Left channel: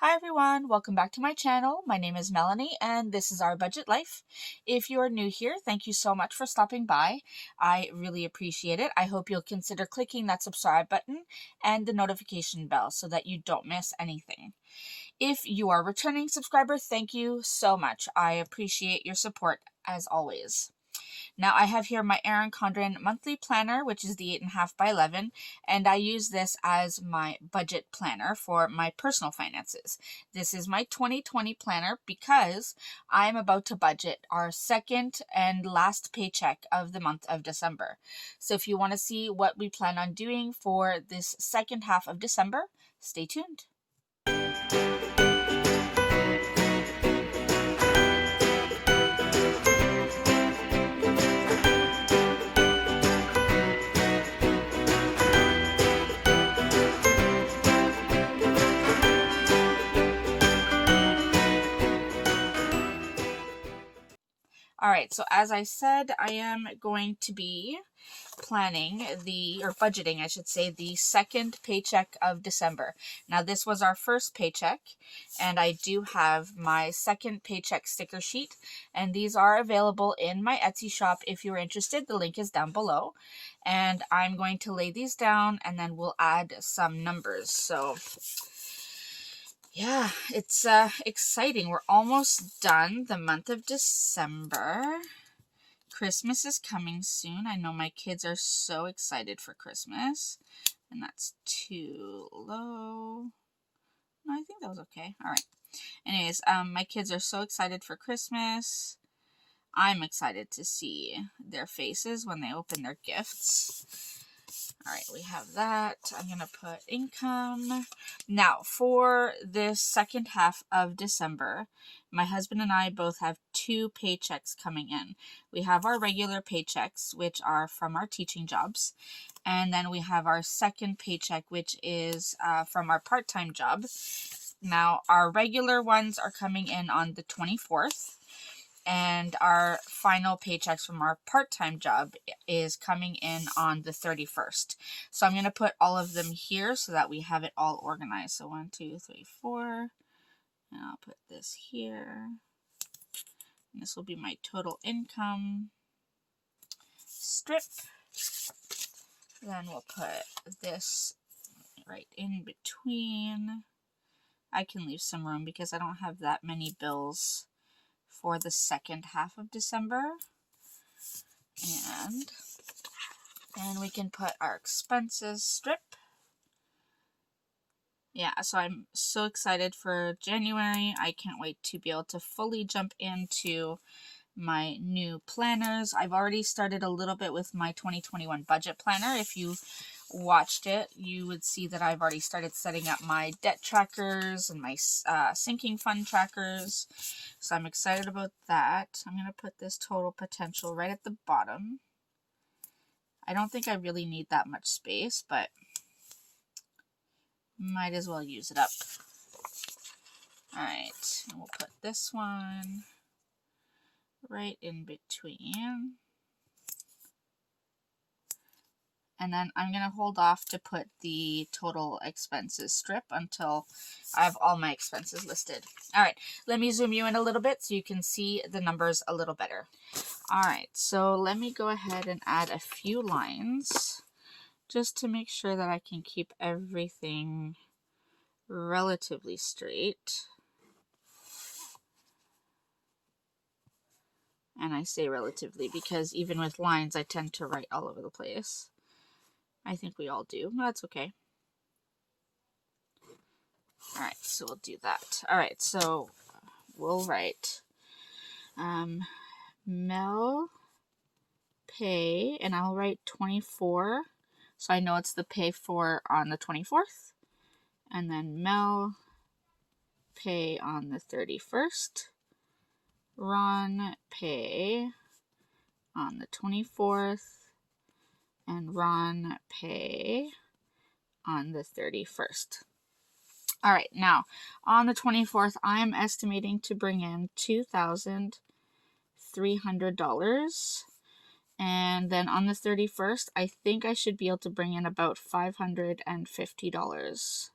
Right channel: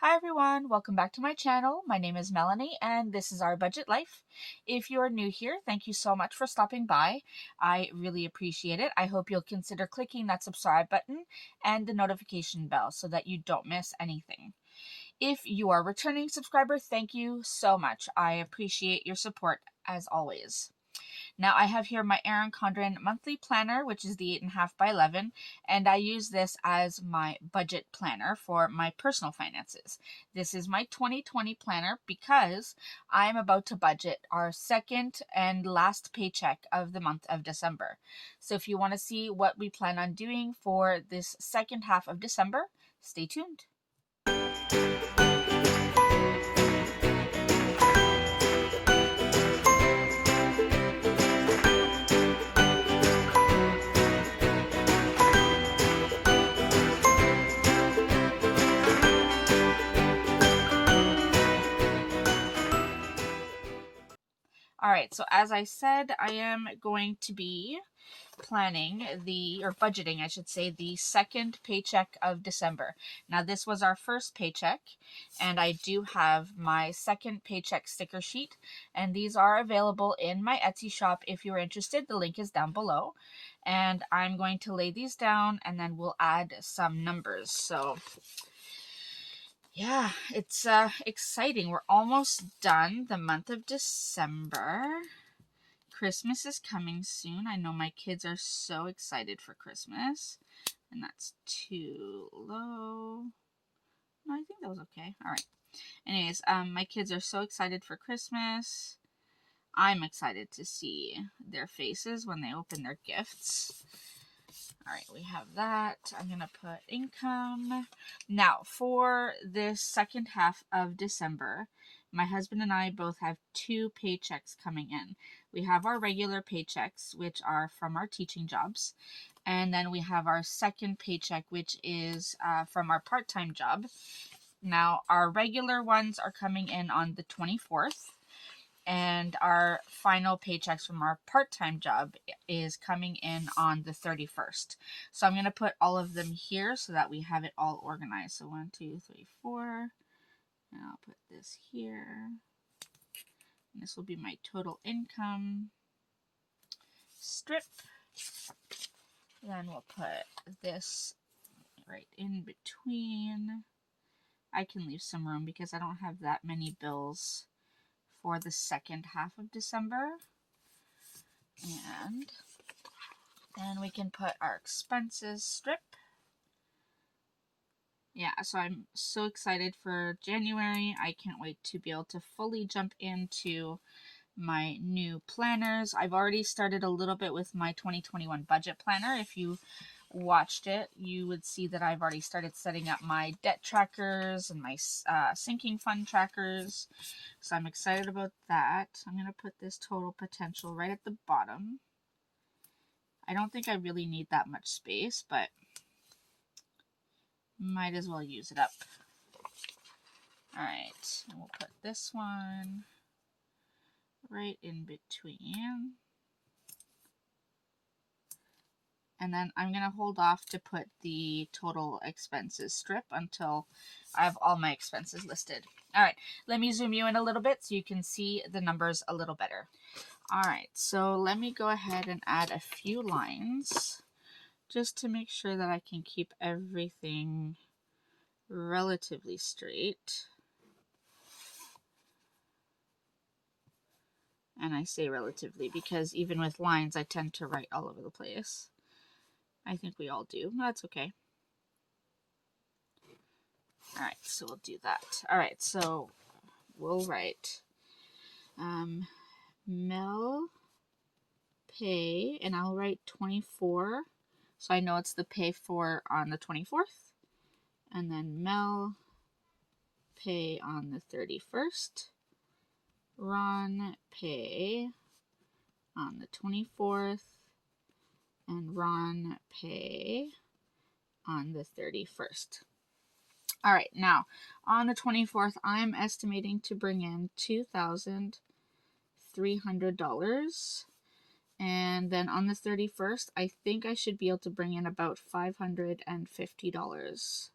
Hi everyone, welcome back to my channel. My name is Melanie and this is our budget life. If you are new here, thank you so much for stopping by. I really appreciate it. I hope you'll consider clicking that subscribe button and the notification bell so that you don't miss anything. If you are a returning subscriber, thank you so much. I appreciate your support as always. Now I have here my Erin Condren monthly planner, which is the 8.5 by 11, and I use this as my budget planner for my personal finances. This is my 2020 planner because I'm about to budget our second and last paycheck of the month of December. So if you want to see what we plan on doing for this second half of December, stay tuned. Alright, so as I said, I am going to be planning budgeting, I should say, the second paycheck of December. Now, this was our first paycheck, and I do have my second paycheck sticker sheet, and these are available in my Etsy shop if you're interested. The link is down below, and I'm going to lay these down, and then we'll add some numbers. So yeah, it's exciting. We're almost done the month of December. Christmas is coming soon. I know my kids are so excited for Christmas. And that's too low. No, I think that was okay. All right. Anyways, my kids are so excited for Christmas. I'm excited to see their faces when they open their gifts. All right, we have that. I'm going to put income. Now, for this second half of December, my husband and I both have two paychecks coming in. We have our regular paychecks, which are from our teaching jobs. And then we have our second paycheck, which is from our part-time job. Now, our regular ones are coming in on the 24th. And our final paychecks from our part-time job is coming in on the 31st. So I'm going to put all of them here so that we have it all organized. So 1, 2, 3, 4. And I'll put this here. And this will be my total income strip. Then we'll put this right in between. I can leave some room because I don't have that many bills for the second half of December. And then we can put our expenses strip. Yeah, so I'm so excited for January. I can't wait to be able to fully jump into my new planners. I've already started a little bit with my 2021 budget planner. If you watched it, you would see that I've already started setting up my debt trackers and my sinking fund trackers. So I'm excited about that. I'm going to put this total potential right at the bottom. I don't think I really need that much space, but might as well use it up. Alright, and we'll put this one right in between. And then I'm going to hold off to put the total expenses strip until I have all my expenses listed. Alright, let me zoom you in a little bit so you can see the numbers a little better. Alright, so let me go ahead and add a few lines just to make sure that I can keep everything relatively straight. And I say relatively because even with lines, I tend to write all over the place. I think we all do. That's okay. Alright, so we'll do that. Alright, so we'll write Mel pay, and I'll write 24, so I know it's the pay for on the 24th. And then Mel pay on the 31st. Ron pay on the 24th. And Ron pay on the 31st. All right, now on the 24th, I am estimating to bring in $2,300. And then on the 31st, I think I should be able to bring in about $550.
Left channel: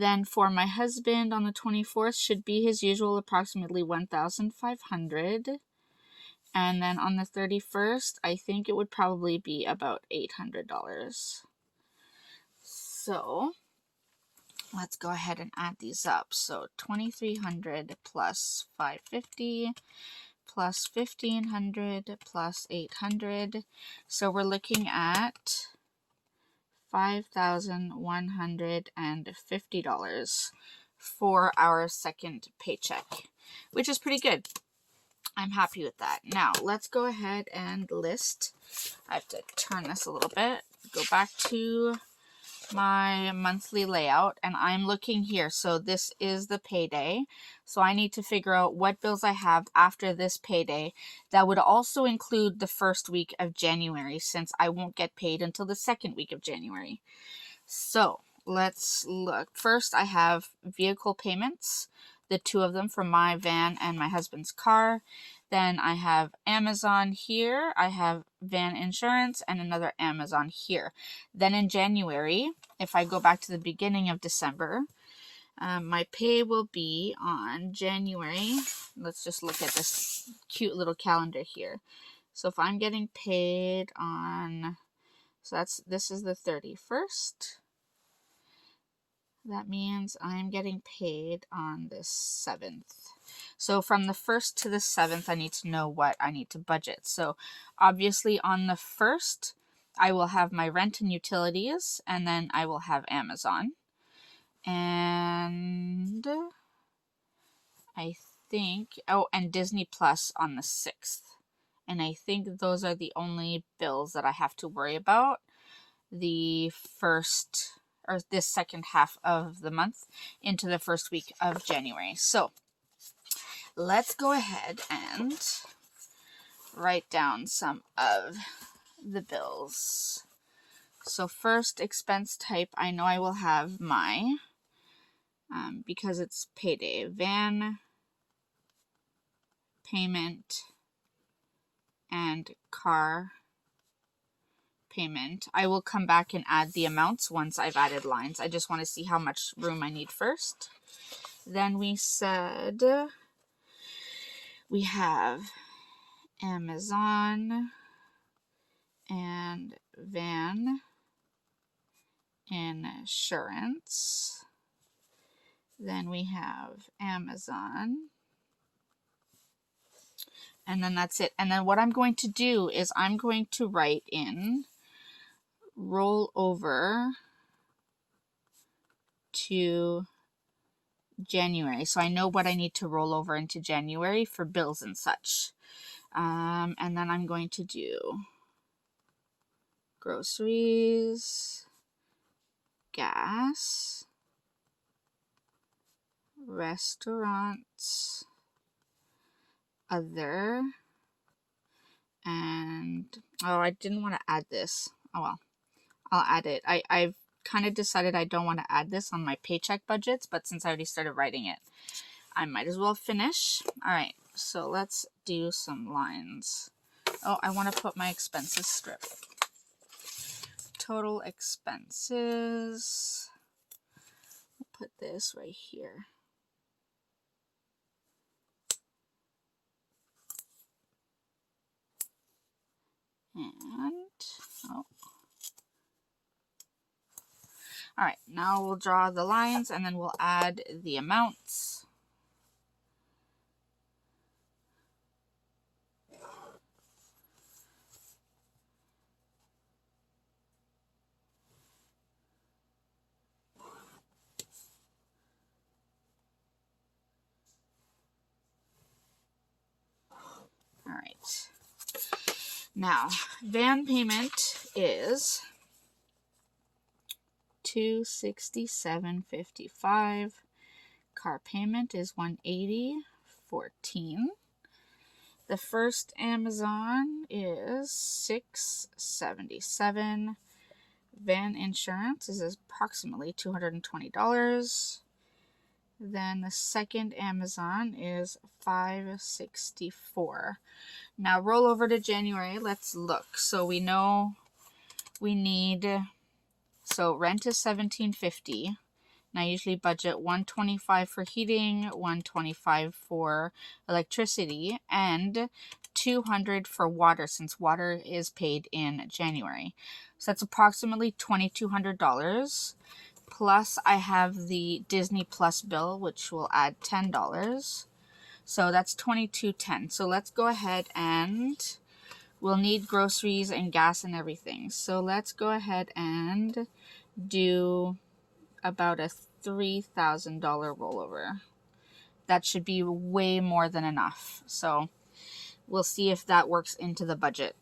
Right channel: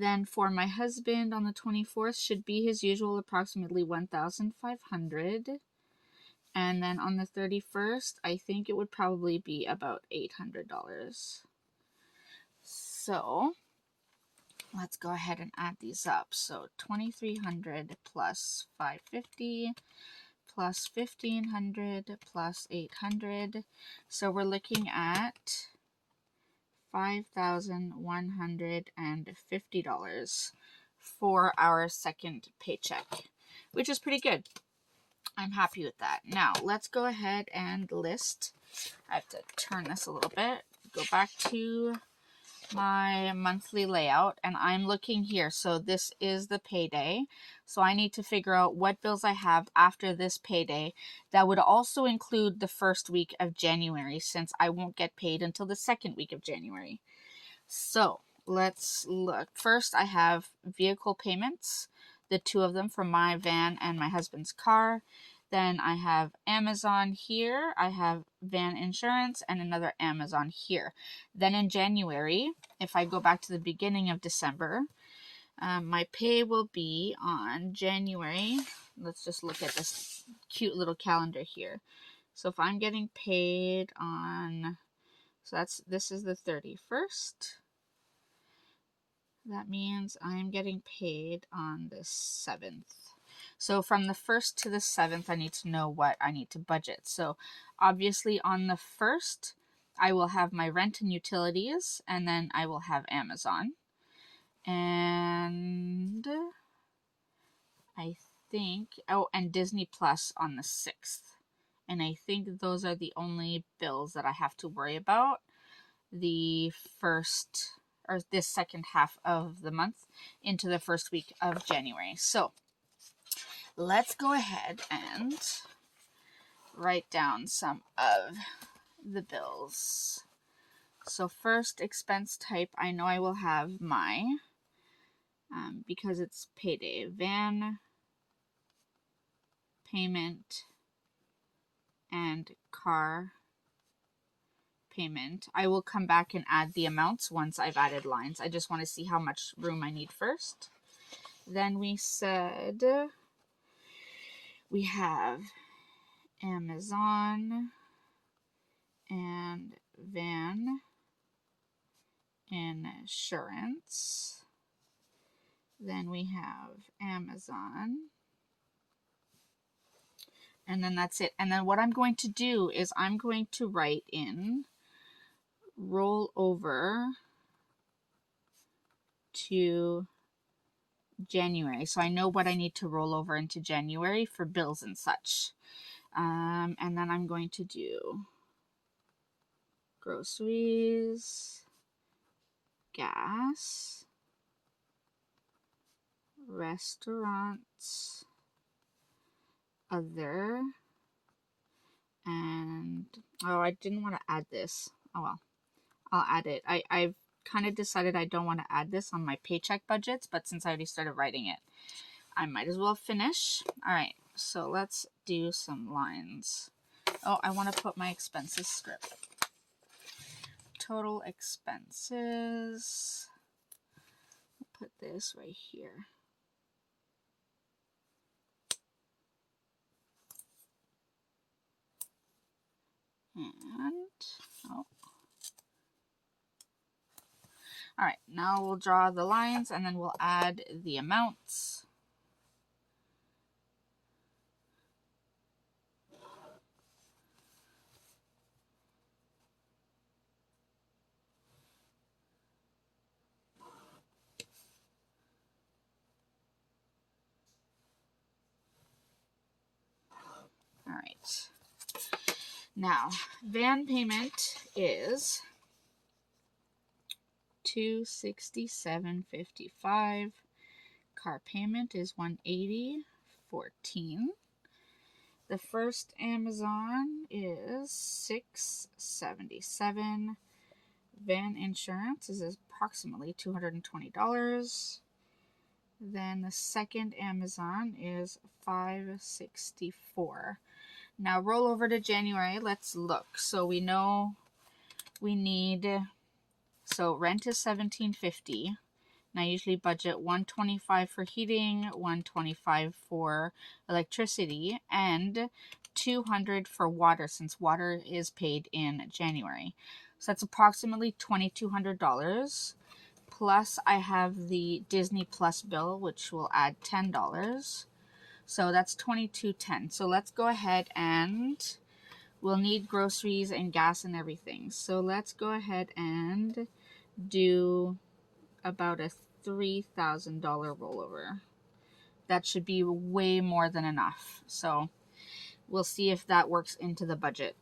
Then for my husband on the 24th should be his usual approximately $1,500. And then on the 31st, I think it would probably be about $800. So let's go ahead and add these up. So 2,300 plus 550 plus 1,500 plus 800. So we're looking at $5,150 for our second paycheck, which is pretty good. I'm happy with that. Now, let's go ahead and list. I have to turn this a little bit. Go back to my monthly layout, and I'm looking here. So this is the payday. So I need to figure out what bills I have after this payday. That would also include the first week of January, since I won't get paid until the second week of January. So let's look. First, I have vehicle payments, the two of them for my van and my husband's car. Then I have Amazon here. I have van insurance and another Amazon here. Then in January, if I go back to the beginning of December, my pay will be on January. Let's just look at this cute little calendar here. So if I'm getting paid on, so this is the 31st. That means I'm getting paid on the 7th. So from the 1st to the 7th, I need to know what I need to budget. So obviously on the 1st, I will have my rent and utilities, and then I will have Amazon. And I think, oh, and Disney Plus on the 6th. And I think those are the only bills that I have to worry about the first, or this second half of the month into the first week of January. So let's go ahead and write down some of the bills. So first, expense type, I know I will have my, because it's payday, van payment and car payment. I will come back and add the amounts once I've added lines. I just want to see how much room I need first. Then we said we have Amazon and van insurance. Then we have Amazon. And then that's it. And then what I'm going to do is I'm going to write in roll over to January. So I know what I need to roll over into January for bills and such. And then I'm going to do groceries, gas, restaurants, other, and, oh, I didn't want to add this. Oh well, I'll add it. I've kind of decided I don't want to add this on my paycheck budgets, but since I already started writing it, I might as well finish. All right, so let's do some lines. Oh, I want to put my expenses strip. Total expenses. I'll put this right here. And, oh. All right, now we'll draw the lines and then we'll add the amounts. All right. Now, van payment is $267.55. Car payment is $180.14. The first Amazon is $677. Van insurance is approximately $220. Then the second Amazon is $564. Now roll over to January. Let's look. So we know we need, so rent is $17.50. And I usually budget $125 for heating, $125 for electricity, and $200 for water, since water is paid in January. So that's approximately $2,200. Plus I have the Disney Plus bill, which will add $10. So that's $2,210. So let's go ahead and we'll need groceries and gas and everything. So let's go ahead and do about a $3,000 rollover. That should be way more than enough. So we'll see if that works into the budget.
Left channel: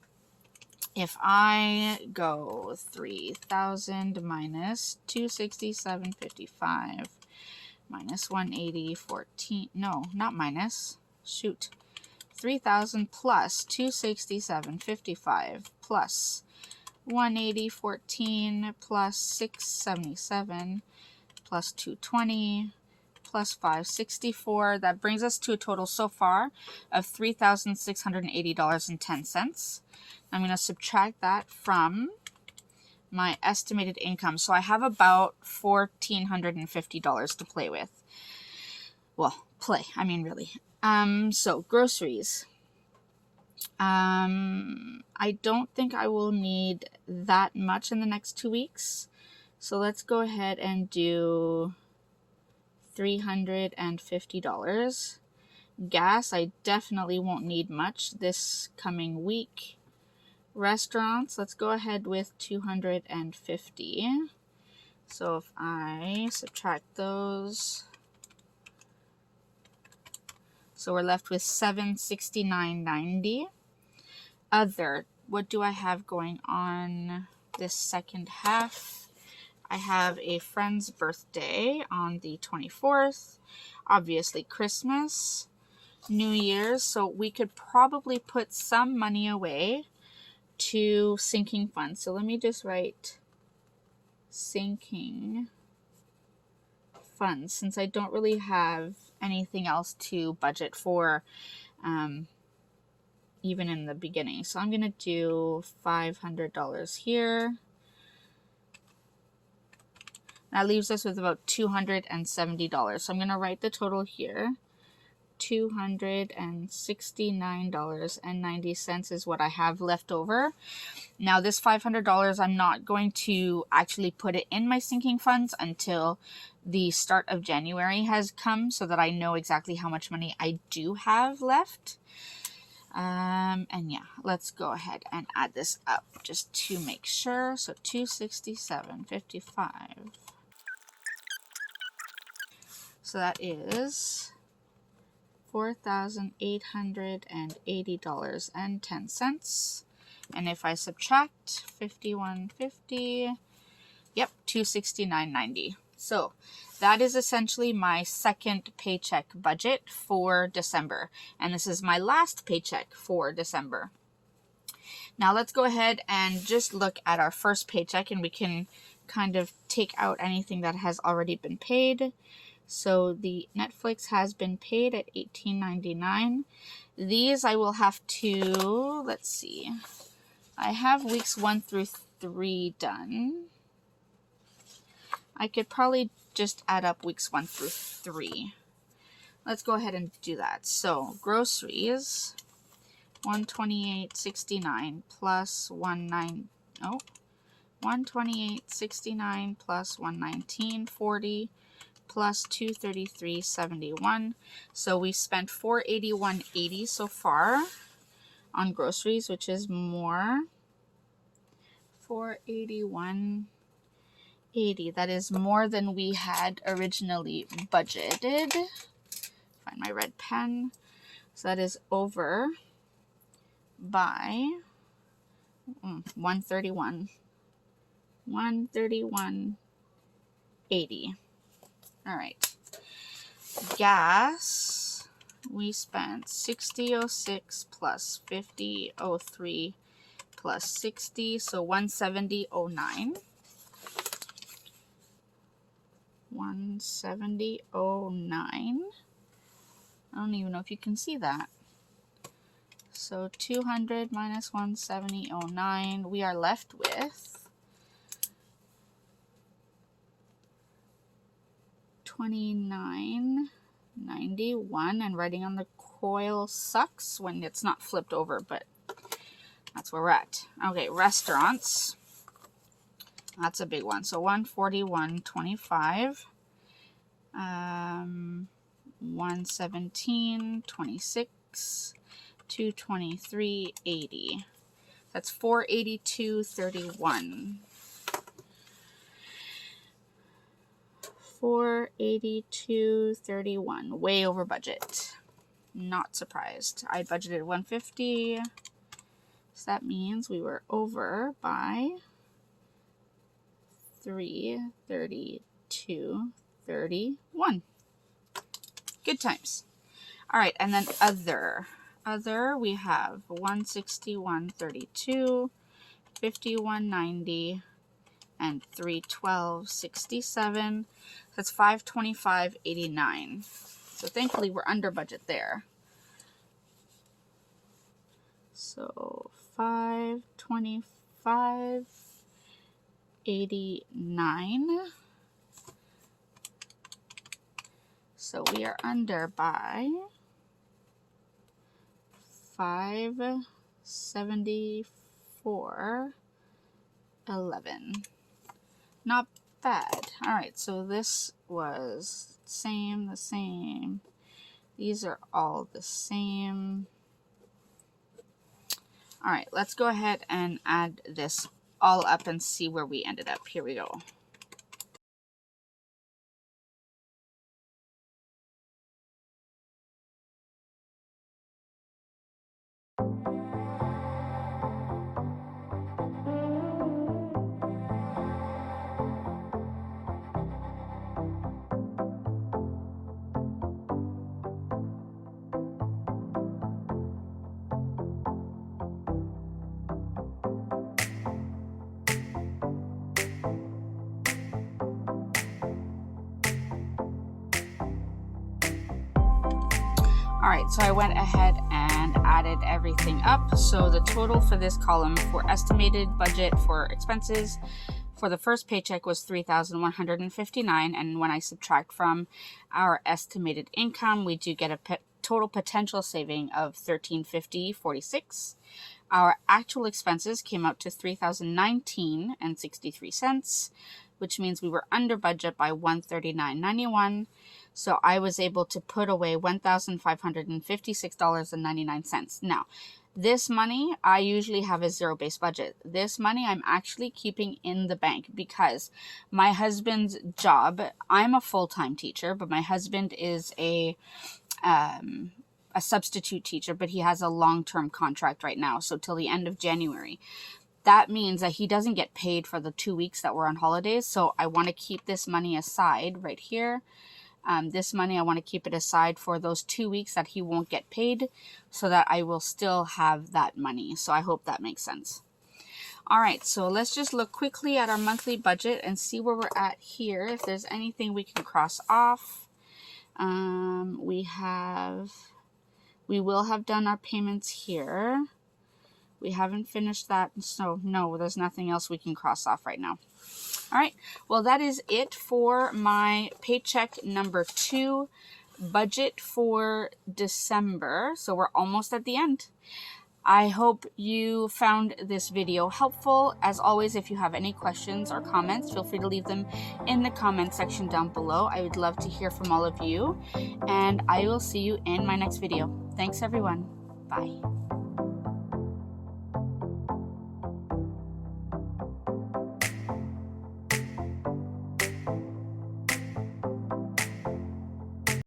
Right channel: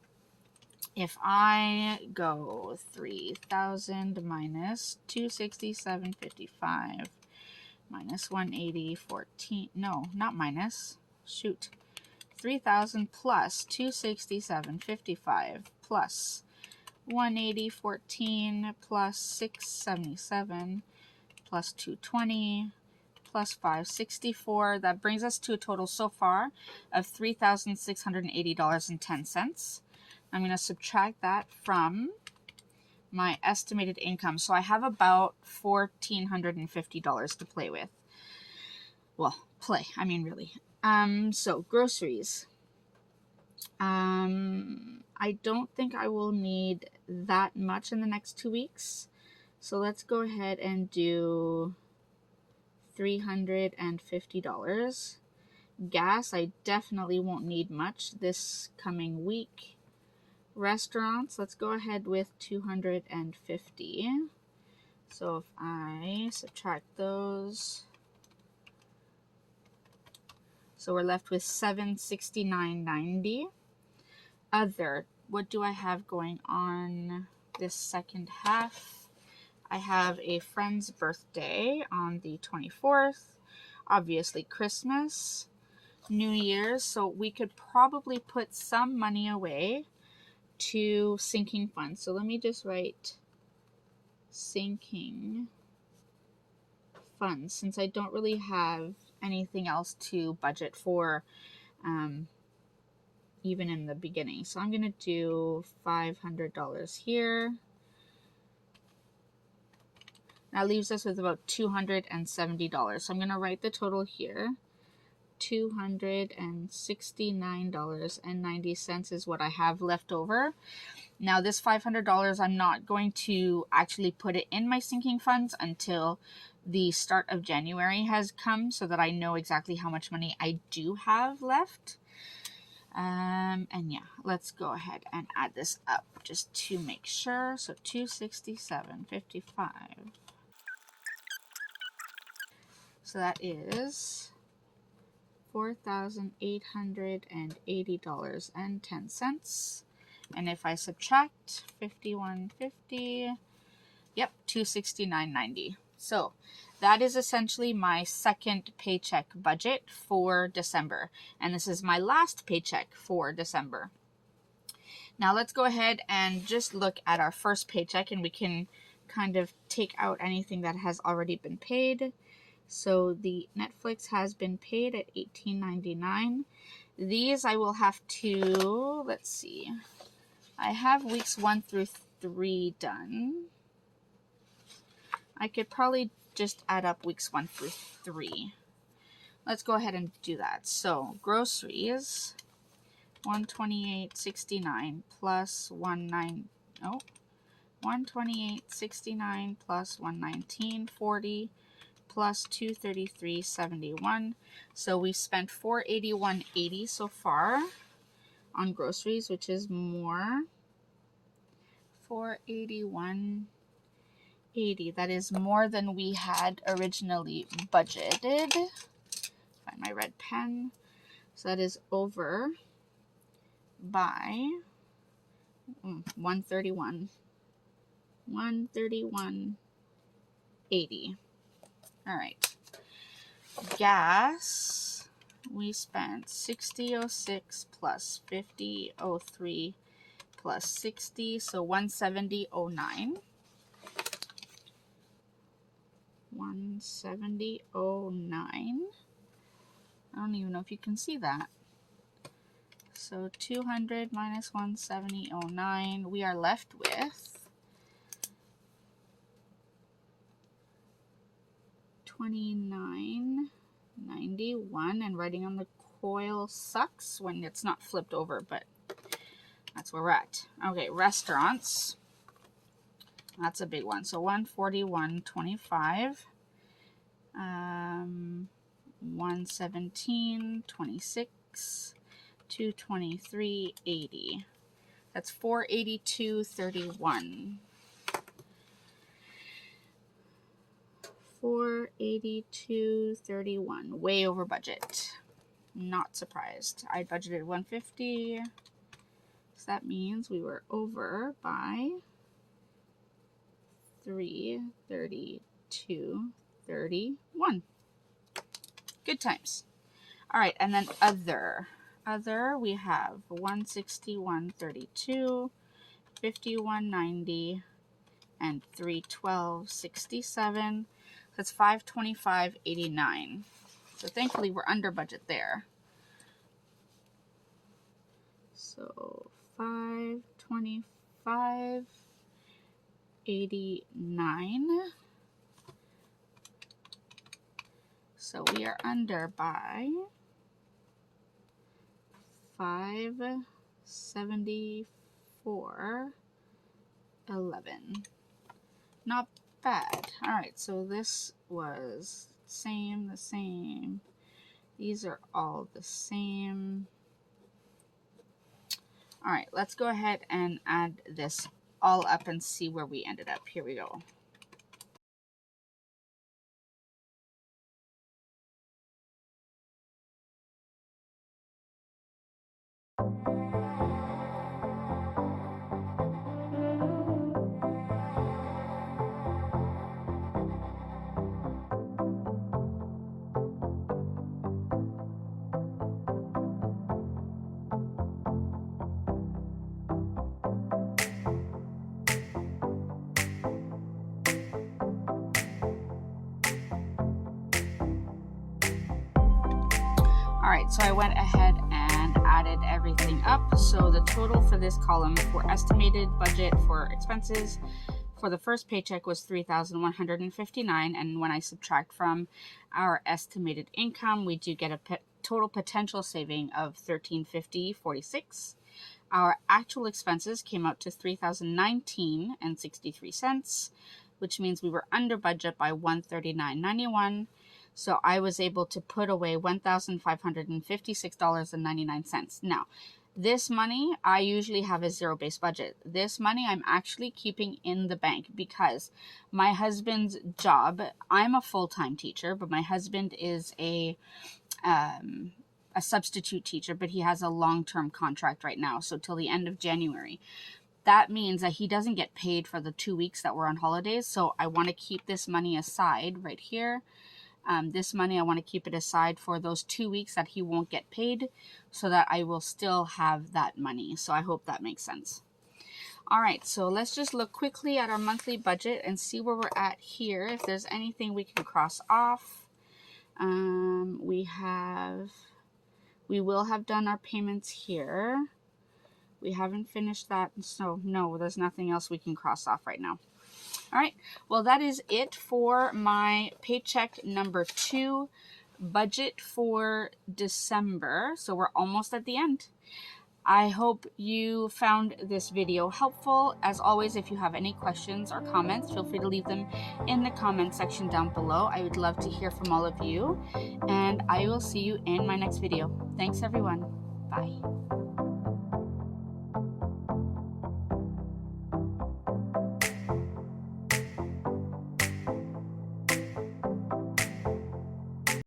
If I go 3,000 minus 267.55 minus 180.14, no, not minus, shoot, 3,000 plus 267.55 plus 180.14 plus 677 plus 220 plus 564. That brings us to a total so far of $3,680.10. I'm going to subtract that from my estimated income. So I have about $1,450 to play with. Well, really. So groceries. I don't think I will need that much in the next 2 weeks. So let's go ahead and do $350. Gas, I definitely won't need much this coming week. Restaurants, let's go ahead with $250. So if I subtract those, so we're left with $769.90. Other, what do I have going on this second half? I have a friend's birthday on the 24th. Obviously Christmas, New Year's, so we could probably put some money away to sinking funds. So let me just write sinking funds, since I don't really have anything else to budget for even in the beginning. So I'm going to do $500 here. That leaves us with about $270. So I'm going to write the total here. $269.90 is what I have left over. Now this $500, I'm not going to actually put it in my sinking funds until the start of January has come, so that I know exactly how much money I do have left. And yeah, let's go ahead and add this up just to make sure. So $267.55. So that is $4,880.10. And if I subtract 51.50, yep, $269.90. So that is essentially my second paycheck budget for December. And this is my last paycheck for December. Now let's go ahead and just look at our first paycheck, and we can kind of take out anything that has already been paid. So the Netflix has been paid at $18.99. These I will have to, let's see, I have weeks 1 through 3 done. I could probably just add up weeks 1 through 3. Let's go ahead and do that. So groceries, $128.69 plus $128.69 plus $119.40 plus $233.71. So we spent $481.80 so far on groceries, which is more. $481.80. That is more than we had originally budgeted. Find my red pen. So that is over by 131. 131.80. All right. Gas, we spent $60.06 plus $50.03 plus 60, so $170.09. $170.09. I don't even know if you can see that. So 200 minus 170.09, we are left with $29.91, and writing on the coil sucks when it's not flipped over, but that's where we're at. Okay, restaurants. That's a big one. So $141.25, $117.26, $223.80. That's $482.31. $482.31. Way over budget. Not surprised. I budgeted $150, so that means we were over by $332.31. Good times. All right, and then other we have $161.32, $51.90, and $312.67. That's $525.89. So thankfully we're under budget there. So $525.89. So we are under by $574.11. Not bad. All right, so this was the same. These are all the same. All right, let's go ahead and add this all up and see where we ended up. Here we go. All right, so I went ahead and added everything up. So the total for this column for estimated budget for expenses for the first paycheck was $3,159, and when I subtract from our estimated income, we do get a total potential saving of $1,350.46. Our actual expenses came out to $3,019.63, which means we were under budget by $139.91. So I was able to put away $1,556.99. Now, this money, I usually have a zero-based budget. This money I'm actually keeping in the bank because my husband's job, I'm a full-time teacher, but my husband is a substitute teacher, but he has a long-term contract right now, so till the end of January. That means that he doesn't get paid for the 2 weeks that we're on holidays, so I want to keep this money aside right here. This money, I want to keep it aside for those 2 weeks that he won't get paid so that I will still have that money. So I hope that makes sense. All right, so let's just look quickly at our monthly budget and see where we're at here. If there's anything we can cross off. We will have done our payments here. We haven't finished that, so no, there's nothing else we can cross off right now. All right, well, that is it for my paycheck number 2 budget for December. So we're almost at the end. I hope you found this video helpful. As always, if you have any questions or comments, feel free to leave them in the comment section down below. I would love to hear from all of you, and I will see you in my next video. Thanks, everyone. Bye.